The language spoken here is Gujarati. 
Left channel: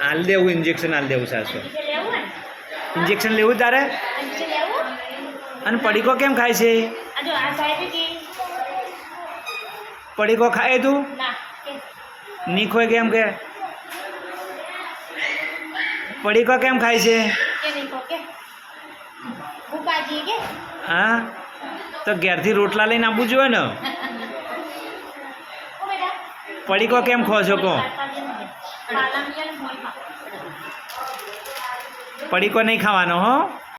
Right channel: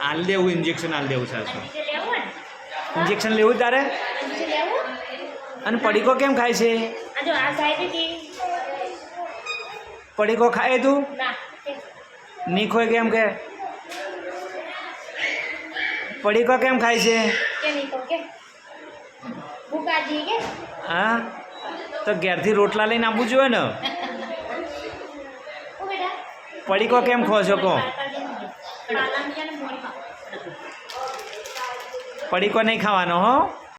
હાલ દેવું ઇન્જેક્શન હાલ દેવું સાસો ઇન્જેક્શન લેવું તારે અને પડીકો કેમ ખાય છે પડીકો ખાય તું ની ખોય કેમ કે પડીકો કેમ ખાય છે હા તો ઘેરથી રોટલા લઈને આપવું જોઈએ ને પડીકો કેમ ખો છો કહો પડીકો નહીં ખાવાનો હો